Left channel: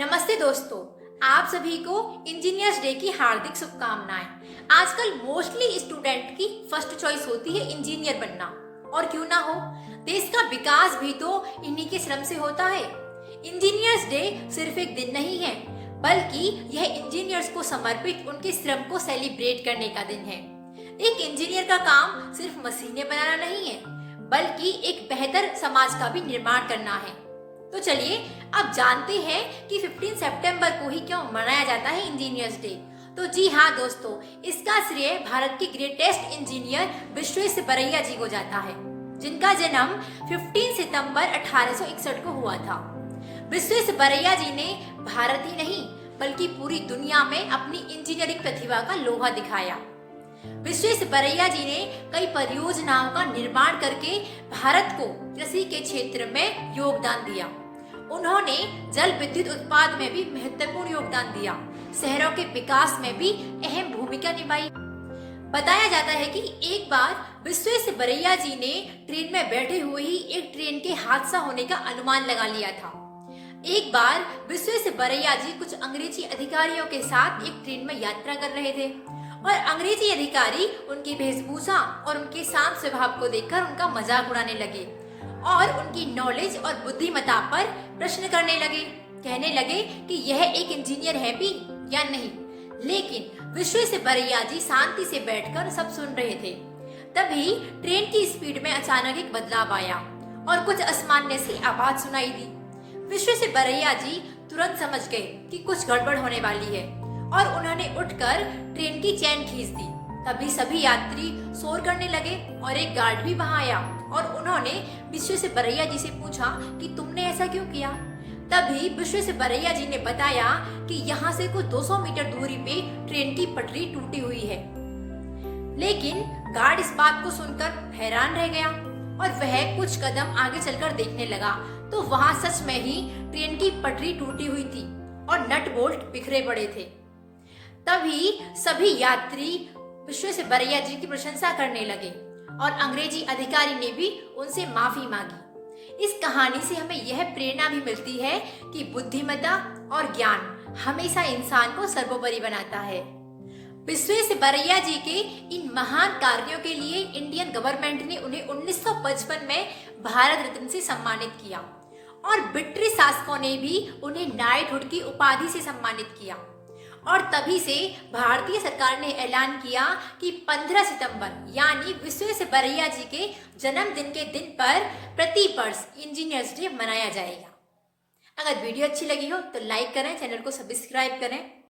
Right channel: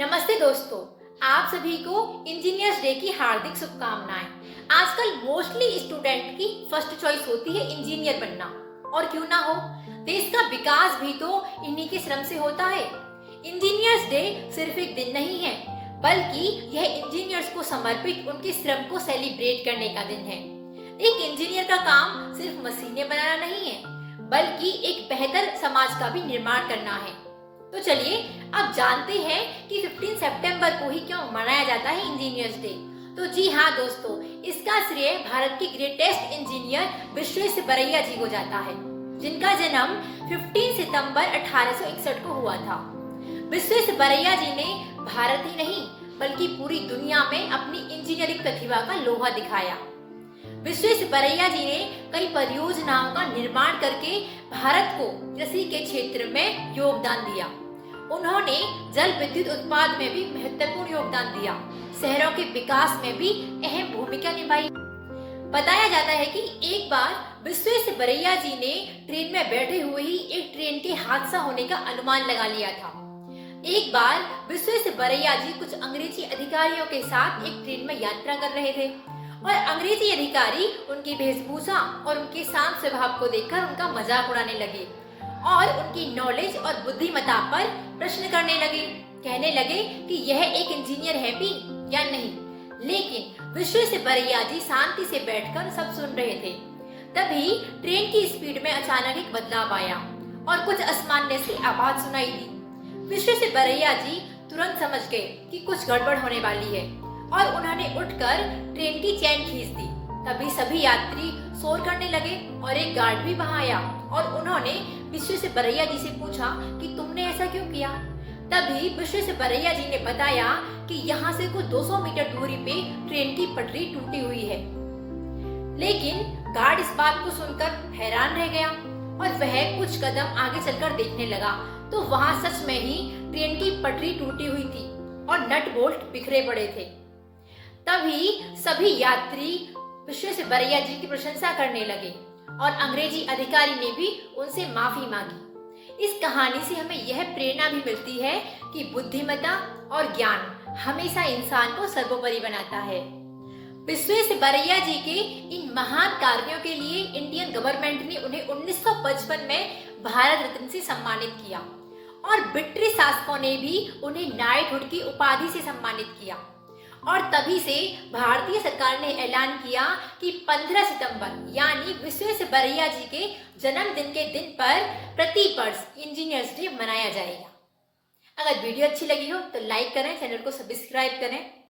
नमस्ते दोस्तों, आप सभी को इंजीनियर्स डे की हार्दिक शुभकामनाएं। आजकल मोस्टली स्टूडेंट की फर्स्ट चॉइस होती है इंजीनियर बनना, और क्यों ना हो, देश का विकास भी तो इन्हीं के श्रम से होता है। इंजीनियर्स डे सिर्फ एक दिन नहीं है, बल्कि यह इंजीनियर्स को समर्पित उनके श्रम को सेलिब्रेट करने का दिन है। एक इंजीनियर का काम सिर्फ मशीनें बनाना नहीं है, बल्कि एक बेहतर समाज का भी निर्माण करना है। तो चलिए अब जानते हैं कि 15 सितंबर को ही क्यों मनाया जाता है इंजीनियर्स डे। तो जी हाँ दोस्तों, इसका श्रेय भारत के ग्रेटेस्ट इंजीनियर विश्वेश्वरैया जी को जाता है, जिनका जन्म 15 सितंबर 1861 को हुआ था। विश्वेश्वरैया जी ने भारत ही नहीं बल्कि पूरी दुनिया में अपनी इंजीनियरिंग प्रतिभा का लोहा दिखाया। विश्वेश्वरैया जी ने कई परियोजनाओं का निर्माण करके भारत को कृषि के क्षेत्र में योगदान दिया। उन्होंने जल विद्युत उत्पादन में भी महत्वपूर्ण योगदान दिया, शहरों के विकास में भी अहम भूमिका निभाई। बताया जाता है कि एक बार विश्वेश्वरैया जी ने ट्रेन में बैठे हुए ही एक ट्रेन के हादसा होने का अनुमान लगा लिया था। एक बार विश्वेश्वरैया जी कुछ अंग्रेजी अधिकारियों के साथ एक ट्रेन में यात्रा कर रहे थे, और अंग्रेजी अधिकारी उनकी वेशभूषा और उनके शांत स्वभाव को देखकर उनका मजाक उड़ाने लगे और उनकी नॉलेज और बुद्धिमत्ता पर प्रश्न करने लगे। कहने लगे कि यह एक इंजीनियर है भी या नहीं। लेकिन विश्वेश्वरैया जी शांति से बैठकर सब सुन रहे थे। तभी ट्रेन की स्पीड में अचानक एक बदलाव आया और कुछ असामान्य सी आवाज सुनाई दी। विश्वेश्वरैया जी तुरंत समझ गए कि कुछ गड़बड़ होने वाली है, और उन्होंने उठकर ट्रेन की चैन खींच दी। तभी सभी यात्री शोर करने लगे और एक गार्ड भी वहां आया, और उन्होंने विश्वेश्वरैया जी से पूछा कि तुमने ऐसा क्यों किया। तभी विश्वेश्वरैया जी ने बताया कि यहाँ से कुछ 200 मीटर दूरी पे ट्रेन की पटरी टूटी हुई है। लेकिन गार्ड इस बात को सुनकर हैरान रह गया, और वह कुछ कदम आगे चलकर देखने लगा तो वहां सच में ही ट्रेन की पटरी टूटी हुई थी और नट बोल्ट बिखरे पड़े थे। तभी सभी यात्री विश्वेश्वरैया जी की प्रशंसा करने लगे, और अंग्रेजी अधिकारी ने भी उनसे माफी मांगी। इस कहानी से हमें यह प्रेरणा भी मिलती है कि बुद्धिमत्ता और ज्ञान हमेशा इंसान को सर्वोपरि बनाता है। विश्वेश्वरैया जी के इन महान कार्यों के लिए इंडियन गवर्नमेंट ने उन्हें 1955 में भारत रत्न से सम्मानित किया, और ब्रिटिश शासकों ने भी उन्हें नाइटहुड की उपाधि से सम्मानित किया। और तभी से भारतीय सरकार ने ऐलान किया कि 15 सितंबर यानी विश्वेश्वरैया जी के जन्मदिन के दिन पर प्रति वर्ष इंजीनियर्स डे मनाया जाएगा। अगर वीडियो अच्छी लगी हो तो लाइक करें, चैनल को सब्सक्राइब करें।